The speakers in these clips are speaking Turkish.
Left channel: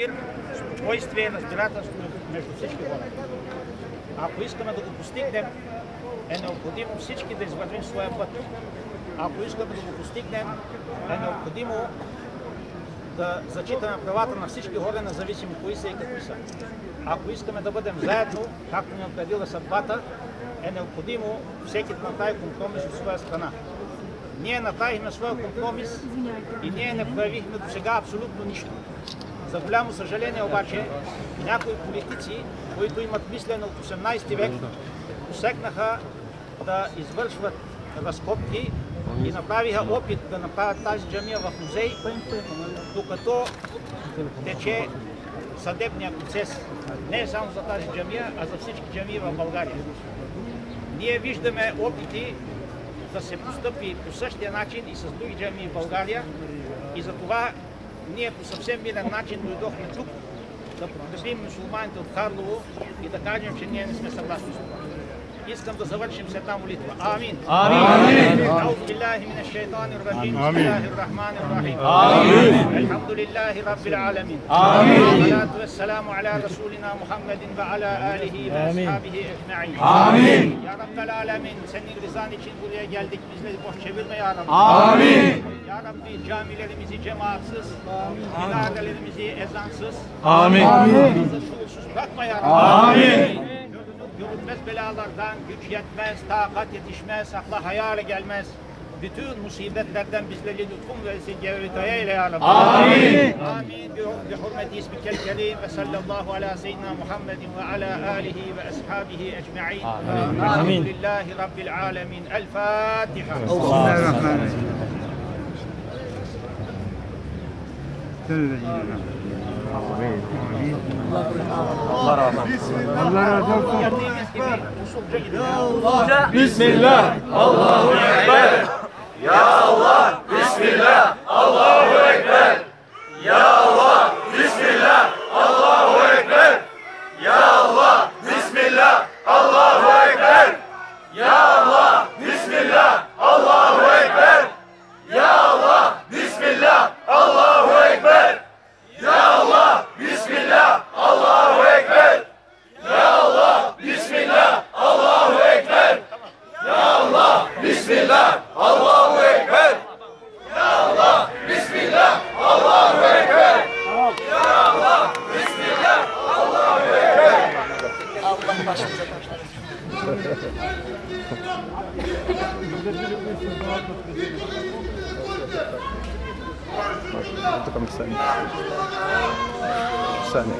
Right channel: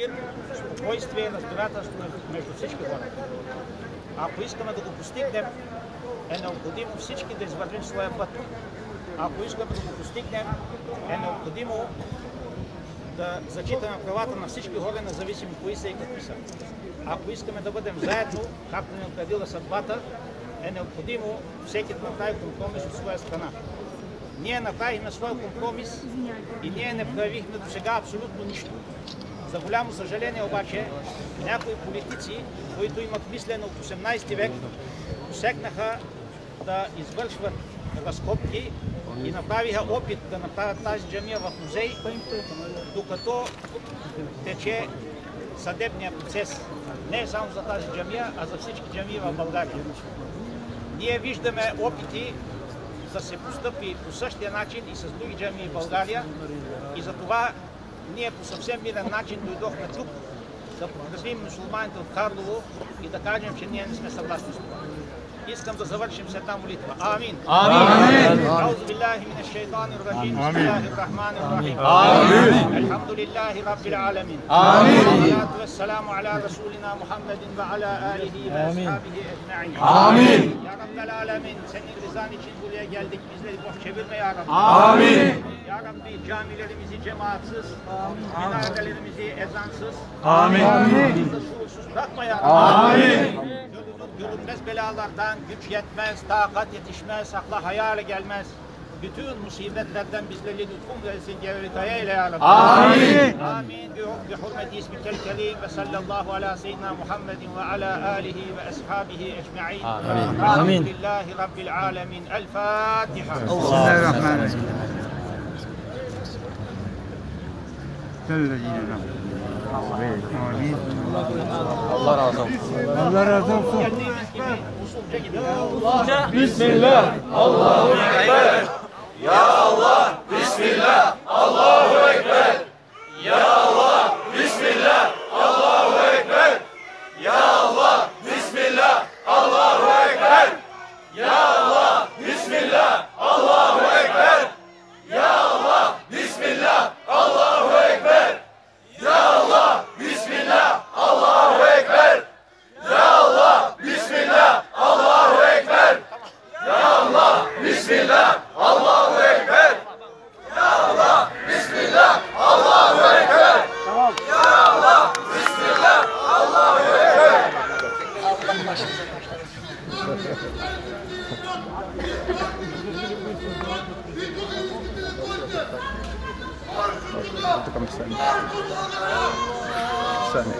мир, спокойствие и разбирателство между всички хора. Ако искаме да го постигнем, е необходимо всички да извървим своя път. Ако искаме да го постигнем, е необходимо да зачитаме правата на всички хора, независимо кои са и какви са. Ако искаме да бъдем заедно, както ни определила съдбата, е необходимо всеки да направи компромис от своя страна. Ние направихме своя компромис и ние не проявихме до сега абсолютно нищо. За голямо съжаление обаче, някои политици, които имат мислене от 18 век, посегнаха да извършват разкопки и направиха опит да направят тази джамия в музей, докато тече съдебния процес. Не само за тази джамия, а за всички джамии в България. Ние виждаме опити да се постъпи по същия начин и с други джамии в България и затова ние по съвсем мирен начин дойдохме тук да подкрепим мюсюлманите от Карлово и да кажем, че ние не сме съгласни с това. Искам да завършим с една молитва. Амин. Амин. Аузу биллахи минаш шайтанир раджим. Бисмиллахир рахманир рахим. Амин. Елхамдулиллахи раббил аламин. Амин. Салату вессаламу аля расулина Muhammedin ve ala alihi ve ashabihi ecma'in. Amin. Ya Rabbel alemin, senin rızan için buraya geldik. Bizleri boş çevirme ya Rabbi. Amin. Ya Rabbi camilerimizi cemaatsiz, minarelerimizi ezansız, bizi şuursuz bırakma ya Rabbi. Amin. Görünmez belalardan güç yetmez, takat yetişmez, akla hayale gelmez. Bütün musibetlerden bizleri lütfun gelsin, gevritaya eyle ya Rabbi. Amin. Amin. Bi hurmeti ismikel kerim ve sallallahu ala seyyidina Muhammedin ve ala alihi ve ashabihi ecma'in. Elhamdülillahi Rabbil alemin. El Fatiha. Bismillahirrahmanirrahim. Allah razı olsun. Allah razı olsun. Geldiğimiz gibi usulca gidiyoruz. Bismillah, Allahu Ekber. Ya Allah, Bismillah, Allahu Ekber. Ya Allah, Bismillah, Allahu Ekber. Ya Allah, Bismillah, Allahu Ekber. Ya Allah, Bismillah, Allahu Ekber. Ya Allah, Bismillah, Allahu Ekber. Ya Allah, Bismillah, Allahu Ekber. Ya Allah, Bismillah, Allahu Ekber. Ya Allah, Bismillah, Allahu Ekber. Ya Allah, Bismillah, Allahu Ekber. Ya Allah, Bismillah, Allahu Ekber. Allah başımıza أعطيكم ثانية. ثانية.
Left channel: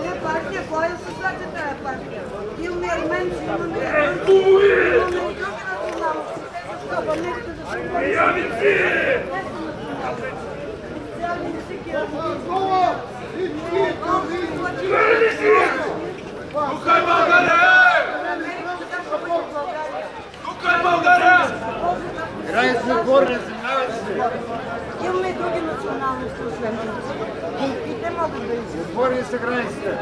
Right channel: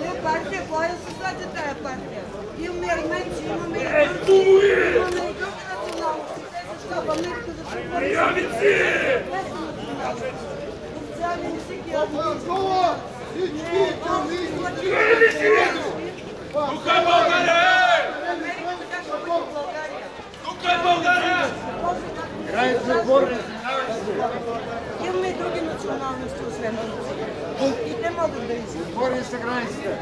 Ние партия, кой да се слага тази партия? Имаме арменци, имаме турци, имаме и други националности. Защо? Ба нека да се официален език е Тук е България! Тук е България! Имаме и други националности, освен турци. И те могат да изискват. Отвори се границите.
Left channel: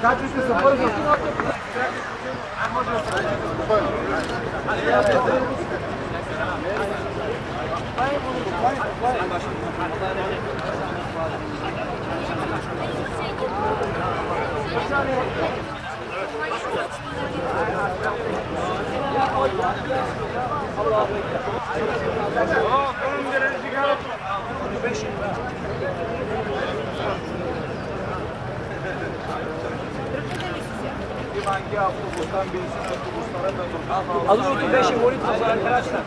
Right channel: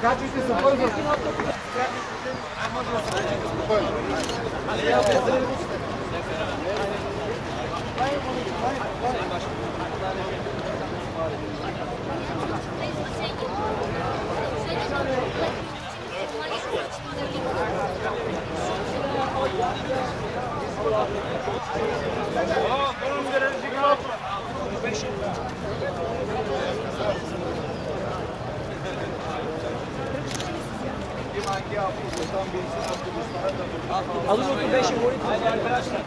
Качвайте се бързо. Hangi avtobustan binsin avtobuslara da dur. Alın 35'i, 12 arkadaşlar.